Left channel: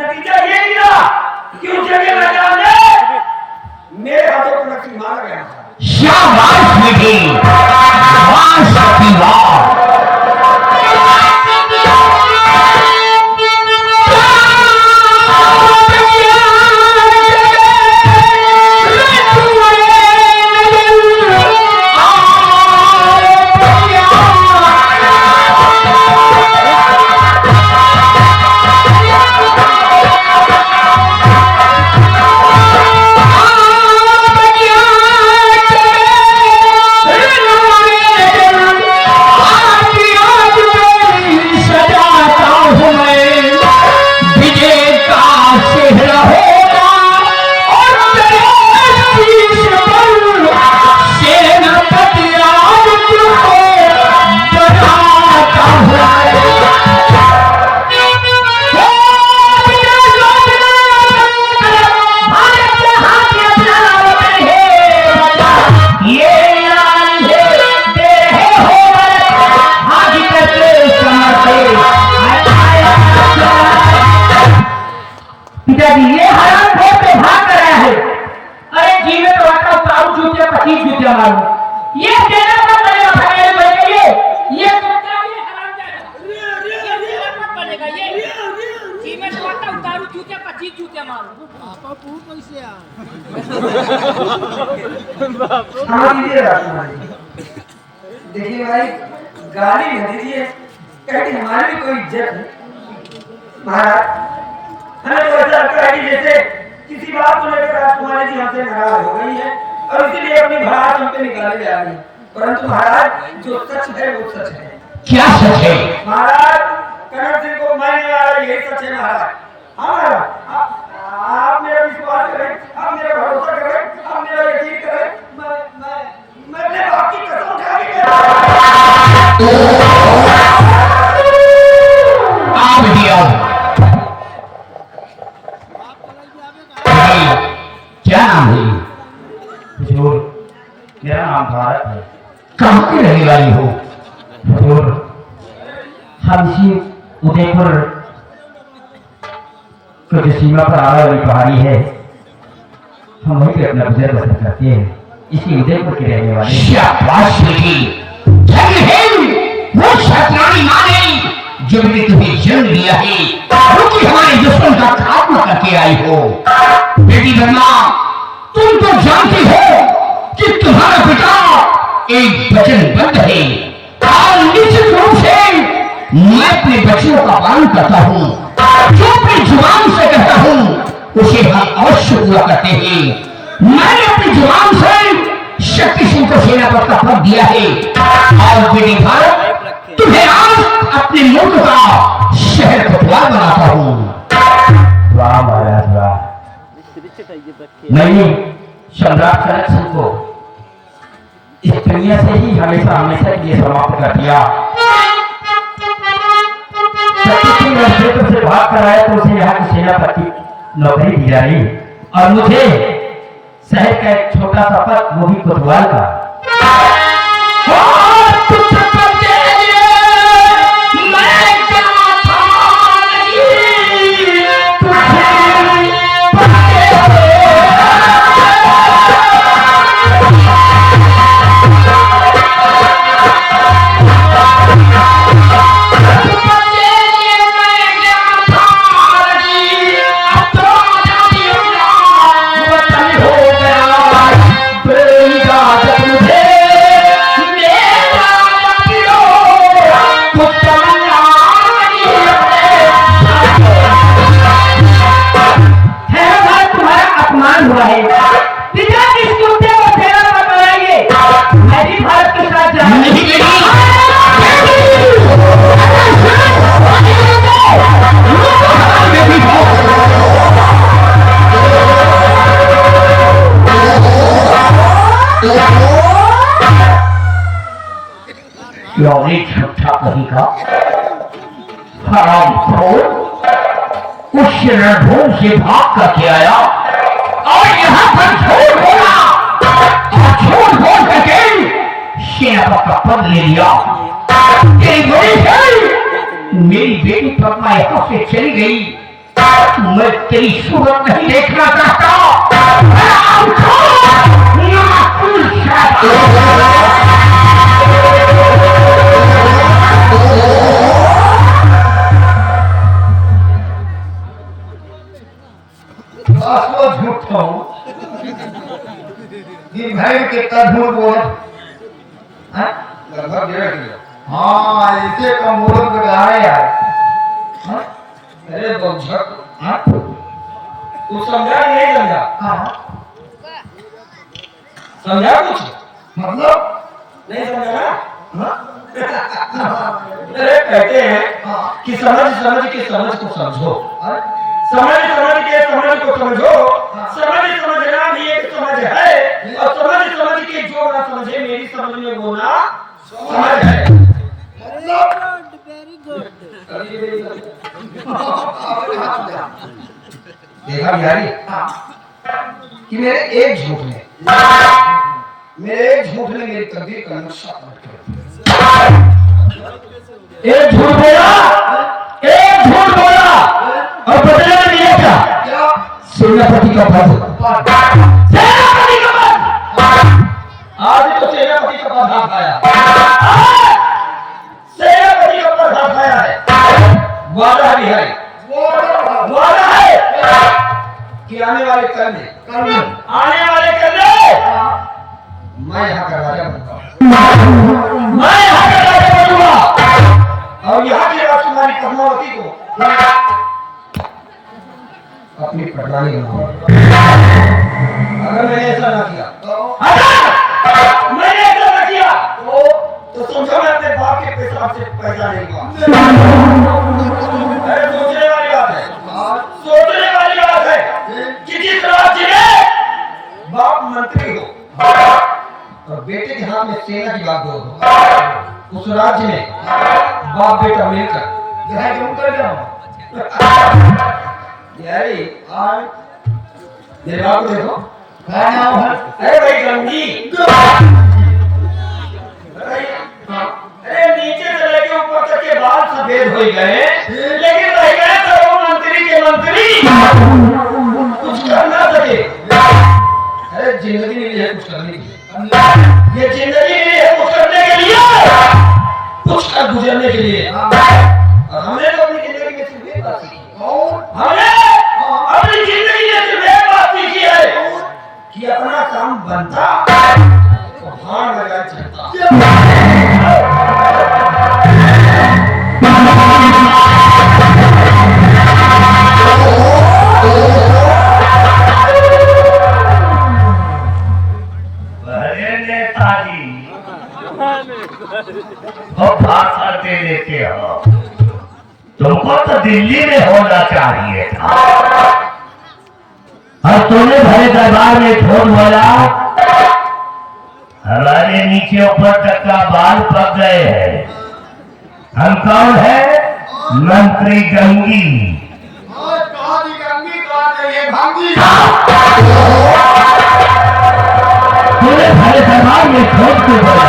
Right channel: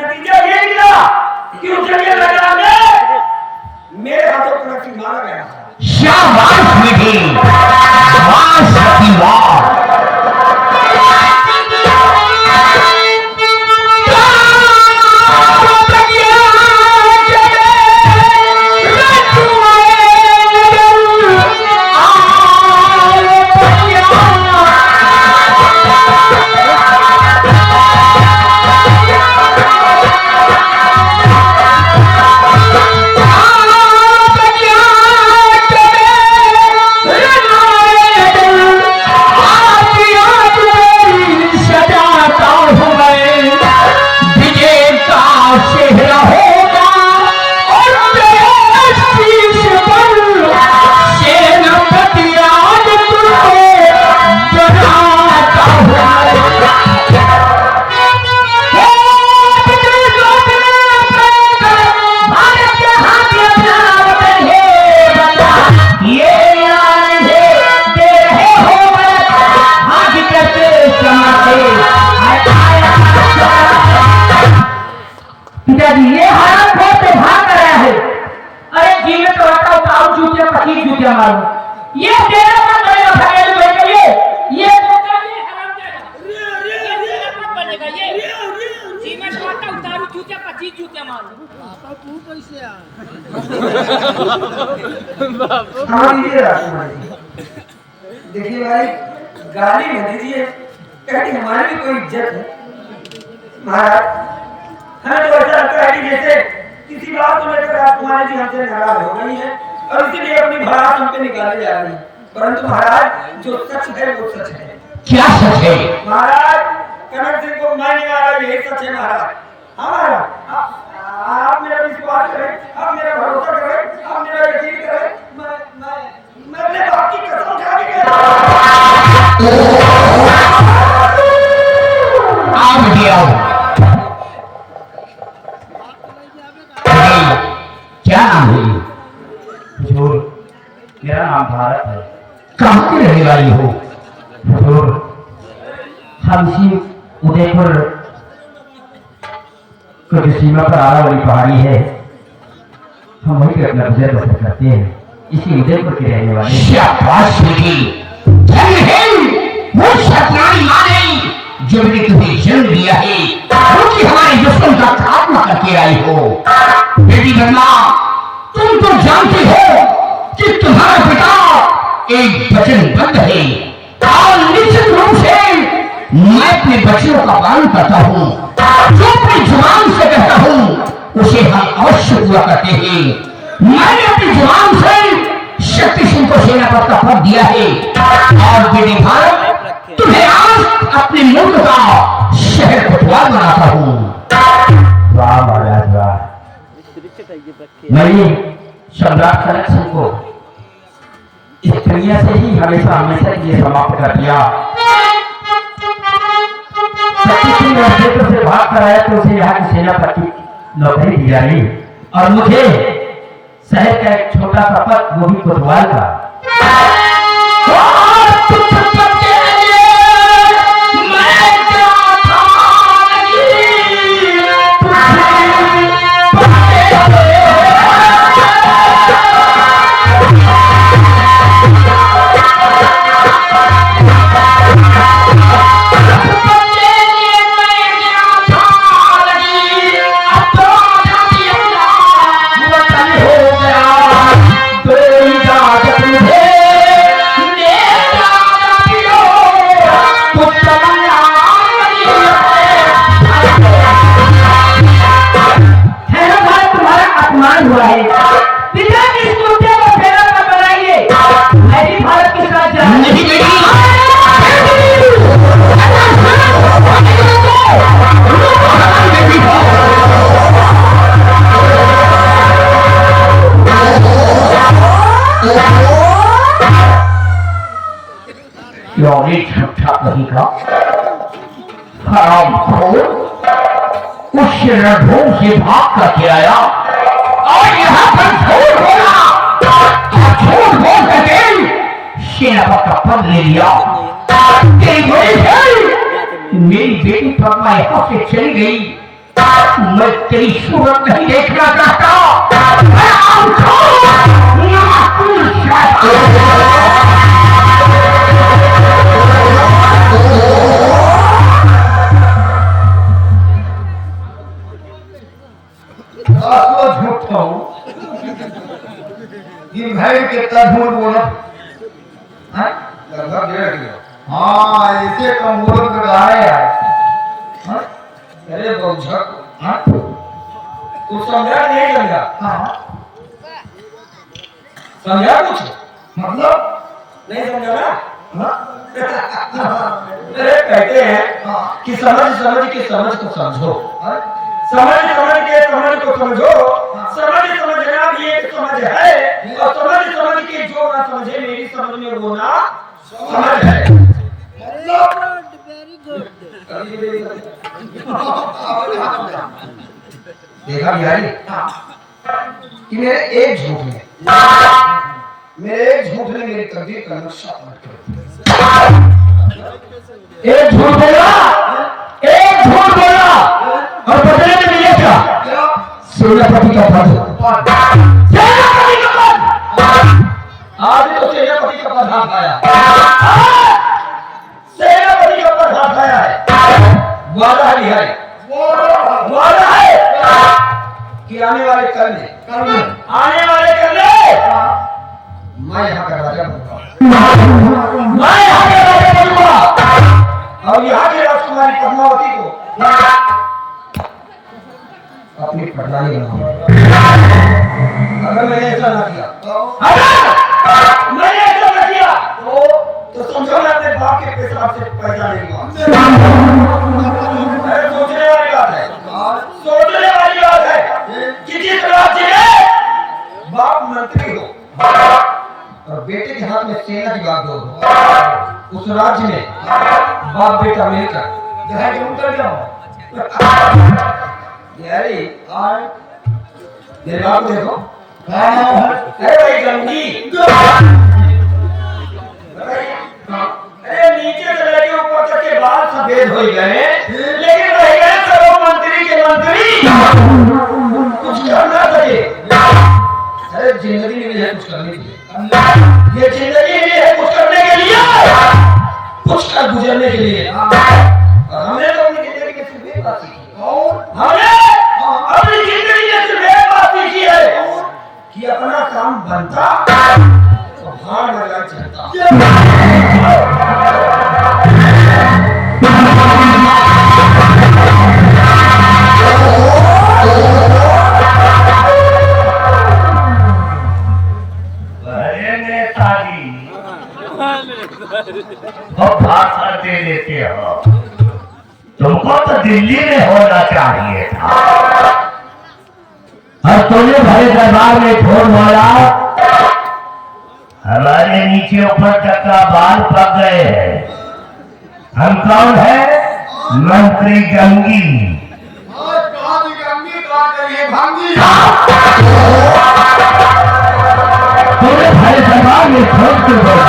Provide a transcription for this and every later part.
नतीजा ये निकला कि उसे मेरे राजा ने मेरे हाथों को नक्की मारा गया। शाबाश बेटी, शाबाश सतीवार। ये हराम खोर भाग कर रहा है। अरे जी में तो आता 5 जूते 25 जूते मारूं। ये तेरा पर बनेगा भगाने को ये तेरा पर बनेगा ये जी में तो आता उतारू जूते 25 जूते मारूं। पापा तू पैसे आ देखिए भाई, गाली नहीं दीजिए, कहते हमारी भी कोई इज्जत है। महाराज हमें तो ऐसा लगता है कि जैसे किसी बात को लेकर आप तुम्हारे जी हमसे नाराज हो गई है और इसीलिए अपनी भड़ास हम पे निकाले जा रही है। परंतु महाराज जो सच है वो सच है। क्या सच है? महाराज कनक सिंह को मारने वाला यही सच है महाराज। हाँ महाराज, आप मेरा विश्वास करें, आप मेरा भरोसा करें, आप मेरा यकीन करें। मैं अपने बाप की कसम खा के कहता हूं। आ बेटी क्या नाम है? हुजूर, मेरा नाम भारत है। कहाँ की रहने वाली हो? हुजूर, हम इसी उदयपुर के जो सीमा पर आने वाली पहाड़ी है, हम वहीं पे अपना गुजर बसर करते हैं। इसी उदयपुर के रहने वाले। शाबाश बेटी, धन्य है वो शैतानी माने जो मैंने तुम्हें जन्म दिया है, वो कि हमारे दुश्मन का खात्मा करके आई हो। बेटी बदला, तुम तो जानती हो कि तुम्हारा पिता एक वचनबद्ध है और निश्चित रूप से मैं अपने बच्चों का पालन करता हूँ। जो अपनी जुबान से कहता हूँ उसे हम अवश्य पूरा करते हैं। मैंने अपनी जुबान से शक्ति सिंह को सेनापति का पद दिया है और बेटी भारत तुम्हें आज अपने मुल्क का शहर कोतवाल बनाता हूँ। वाह महाराज वाह। मैंने सम्राट कनक सिंह को इस दुनिया से ही हमेशा हमेशा के लिए समाप्त कर दिया। उदयपुर से भाग कर आया तो उसे यहाँ की सेनापति नौकरी दी जा रही और मुझे शहर का एक छोटा सा पद, वो भी कोतवाल का। उस रणभूमि से भाग करके आया और यहाँ पर झूठ बोला और झूठ बोल करके सेनापति का पद ले लिया। मेरी बेटी पद्मा यहाँ से चली गई मैं तेरी सूरत नहीं देखना चाहता। झूठा हूं कि मैं कितना झूठ बोला। लगभग 1.5 किलो। हाँ ऐसे का मुहूर्त लगाया यार। अरे बौझक, कुछ समझा नहीं समझा? समझा कुछ? मतलब नहीं समझा ना? अरे कहते हैं कि समझ समझ के समझ को समझो, समझ समझ के समझ को समझो, समझ समझना भी एक समझ है, और समझ समझ के जो ना समझे मेरी समझ में वो ना समझ है। देखा बिहारी कि मेरे एक झूठ में मेरी तकदीर का नक्शा मत करो। एक झूठ बोला, एक झूठ बोला और बदले में लिया क्या? सेनापति का पद, सेनापति का पद। आज तो सेनापति का पद हाथ आया, सेनापति का पद हाथ आया है। वादा है बिहारी, वादा है कि आने वाले कल में मैं यहाँ का राजा बनूंगा, मैं यहाँ का राजा बनूंगा और यहाँ की राजकुमारी पद्मावती को अपनी प्रधानी बनाऊंगा। अगर मैंने ऐसा ना किया, अगर मैंने ऐसा ना किया तो समझो मैं अपने बाप के पेशाब से पैदा नहीं हुआ। सोचने वाली बात है, सोचने वाली बात है कि जिस राज्य में बाप मंत्री हो और बेटे के हाथ में सेना की बात हो, उस राज्य में बाप बेटा मिलकर जहाँ जरूर कर जाओ। यारी मेरे बाप को देखो, अरे भाई गंगी, अरे नीचे से लेके ऊपर तक के बाल सफेद हो गए, लेकिन रह गए सब मंत्री के मंत्री, कुछ कर ना सके। अरे जिंदगी मिली है कुछ करने के लिए, ये जिंदगी मिली है कुछ करने के लिए, कुछ कर गुजरने के लिए। और हमने तो अपनी जिंदगी में सिर्फ एक बात सीखी, हमने अपनी जिंदगी में सिर्फ एक बात सीखी है कि अपना काम बनता तो हाथ लगा चलता। भाषा दे लेते हो, तुमको तो दिल्ली में होना चाहिए था। और तुमने भरे दरबार में झूठ बोला, हमारे नीचे ऊपर तक का बाल पक गए हैं। हम कौन है? मंत्री गंगी। तूने भरे दरबार में झूठ क्यों बोला?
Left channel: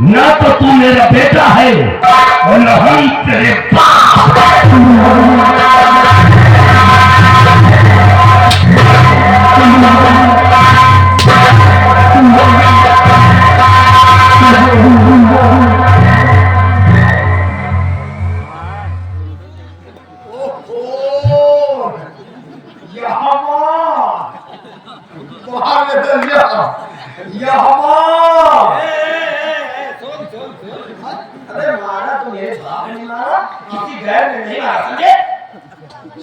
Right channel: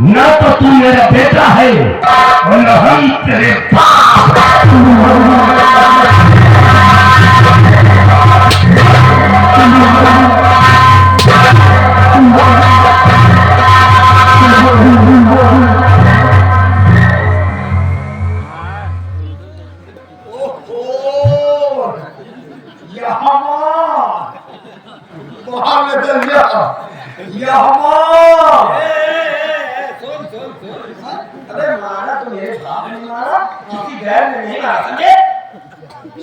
न तो तू मेरा बेटा है और न ही तेरे बाप। अरे मारा तो मेरे बाप ने मारा, किसी गैर ने नहीं मारा, समझे?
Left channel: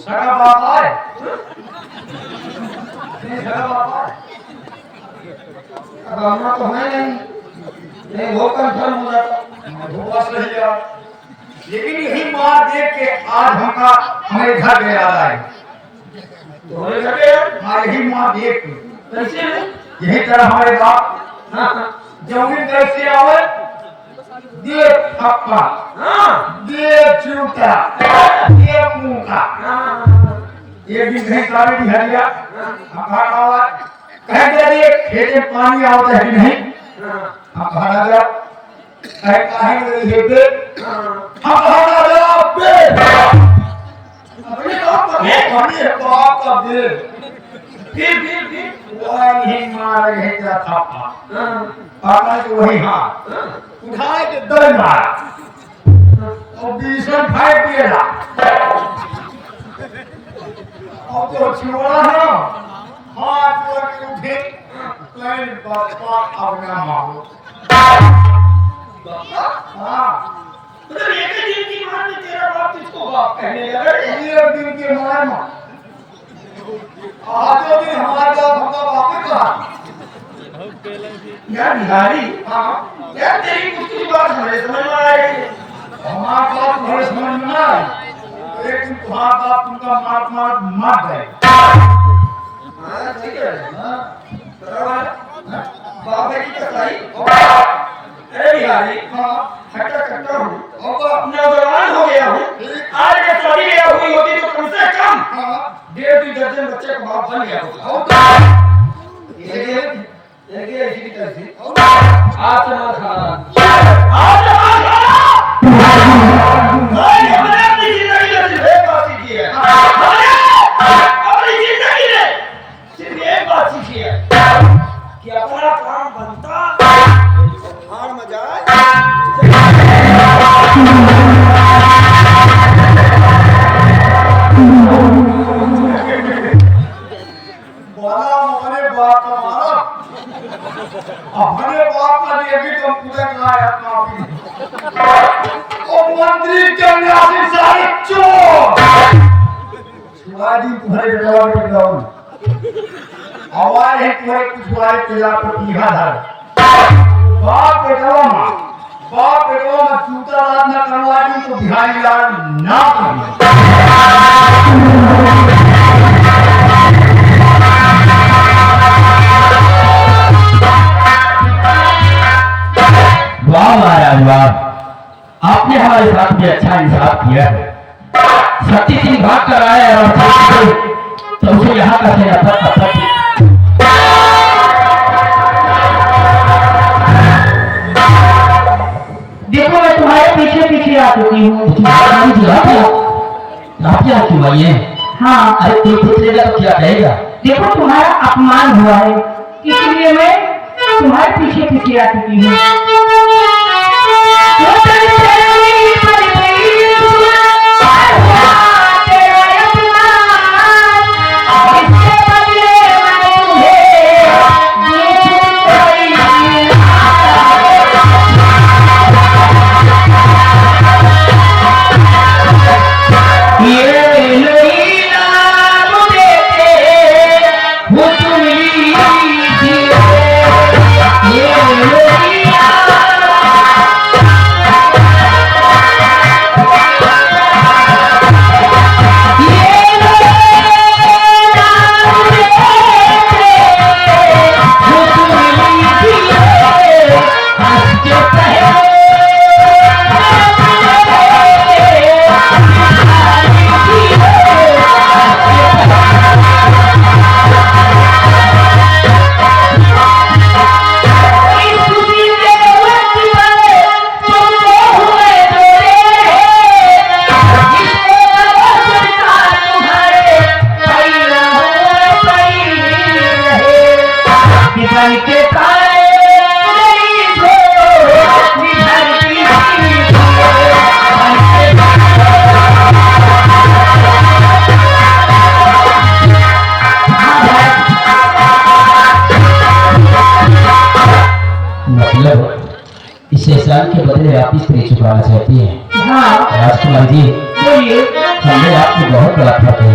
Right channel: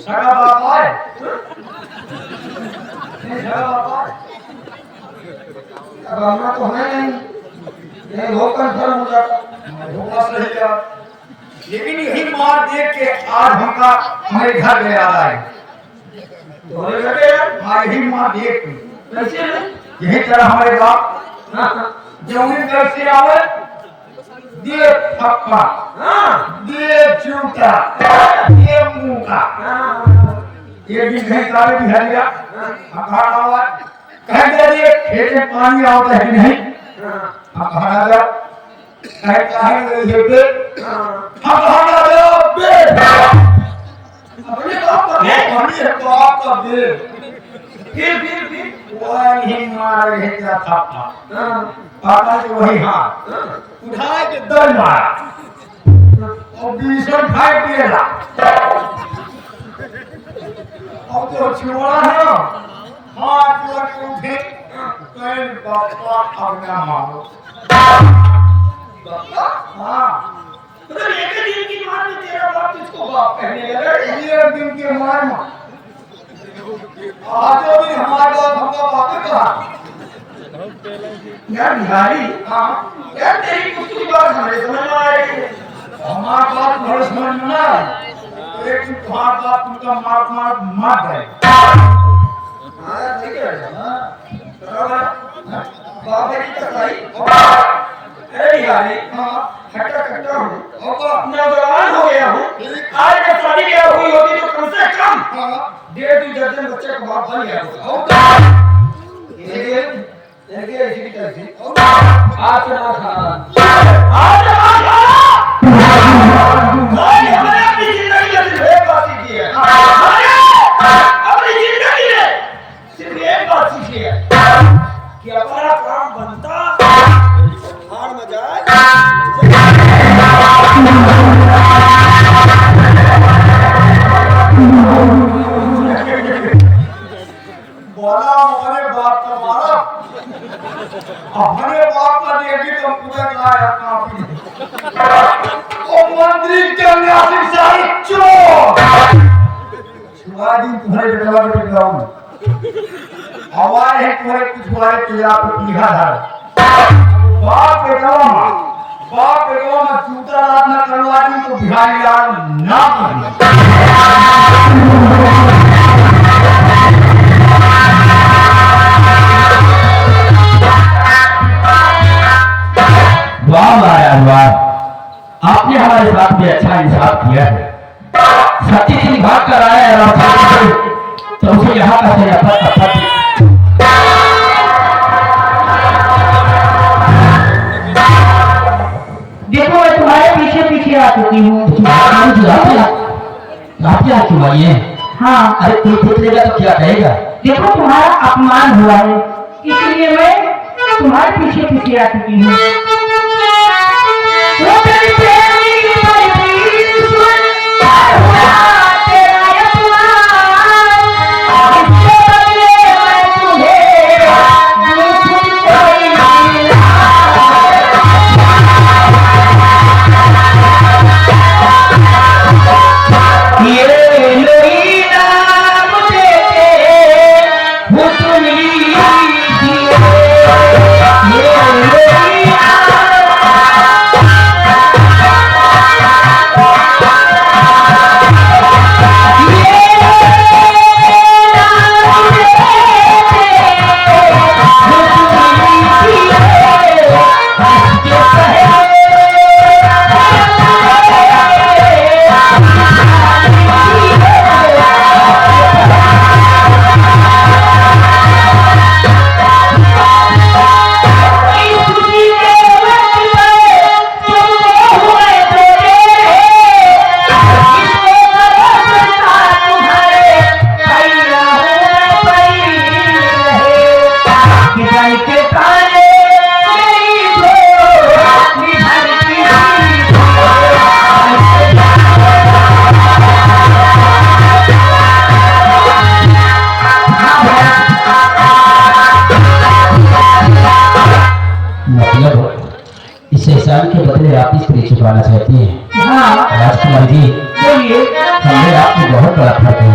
सगा बाप आए, सगा बाप आए। अब आना तो है नहीं, ये वो कंफर्म हो जाता। होगा सही है, लेकिन यही मार देख के आज हमका हमारे घर में आ रहा है। तो हमें लगे हाँ, यही मार देख के कैसे है? यही तरह हमारे बाप हाँ जमीन कैसे आवे, दे थप्पा, हाँ दे जूता, दे मुंह का। एक दिन नहीं काले बिहारिया हम घर आवा, कहीं दे खेत में पानी आवता है कि नहीं, हम घर आ गया, कहीं ये बे हम घर आ गया बे, अपने बाप का बे, फिर वही मारे है क्या थप्पा, पापा को वही हाथ उठा के दल मारा और बीसन खाए पिएला। अब तो छुआ है, हाथ लग उठे, कहीं बापा अब ना मारो। हाँ, मतलब एक ही दिन की मार में तेरा बाप किसको बाप कहने लगा? एक दिन के मार में आजो दिन हमारा हमका बापे कहा। यार बिहारी, हाँ, यार तेरी कुछ बात हमें समझ में आ रही है। हमारा बाप हमारे समझ में ना आए, लेकिन तुम्हारा बाप तुमका मार गए। हाँ ठीक है, बाप है की कसाई। अरे बिहारी, हट्टा कट्टा हूँ, नौजवान हो गया हूँ, आज का शादी ब्याह हुई होगी तो कम से कम 1.5-2 दर्जन बच्चे का बाप बन गया होगा। आज से मार खाना, आज से मार खाना। मैंने अपनी जिंदगी में सिर्फ एक बात सीखी है, अपनी जिंदगी में सिर्फ एक बात सीखी है कि अपना काम बनता हार में जाए। बोला हमारे बाप का मारा, हमारे बाप का देवी तो पूरे लाया काफी। ओ मंत्री चंद्रासी सारी चोर, शिवाजी तुम्हारे बेटा पे जाऊं, आवाज है तुम्हारे पिछवाड़े पिला पे पीहा धार। बाप बेटा ना जूता रात ना करवा दी तो बिहारी लाल ना कर। वाह महाराज वाह, आपने हमारे साथ में अच्छा इंसाफ किया है। सती सिंह भाग कर आए और तो उसे यहाँ का से नफरत देखो मैं तुम्हारे पीछे पीछे आ चुकी हूँ। आप क्यों आई है? हाँ, अरे कोई पूछेगा तो क्या कहेगा? देखो तुम्हारा अपमान हुआ है, इसलिए मैं तुम्हारे पीछे पीछे आ चुकी हूँ। चुकाना चाहती है। हाँ राजकुमार जी बोलिए, हमें आपकी बहुत बड़ा फर्क है।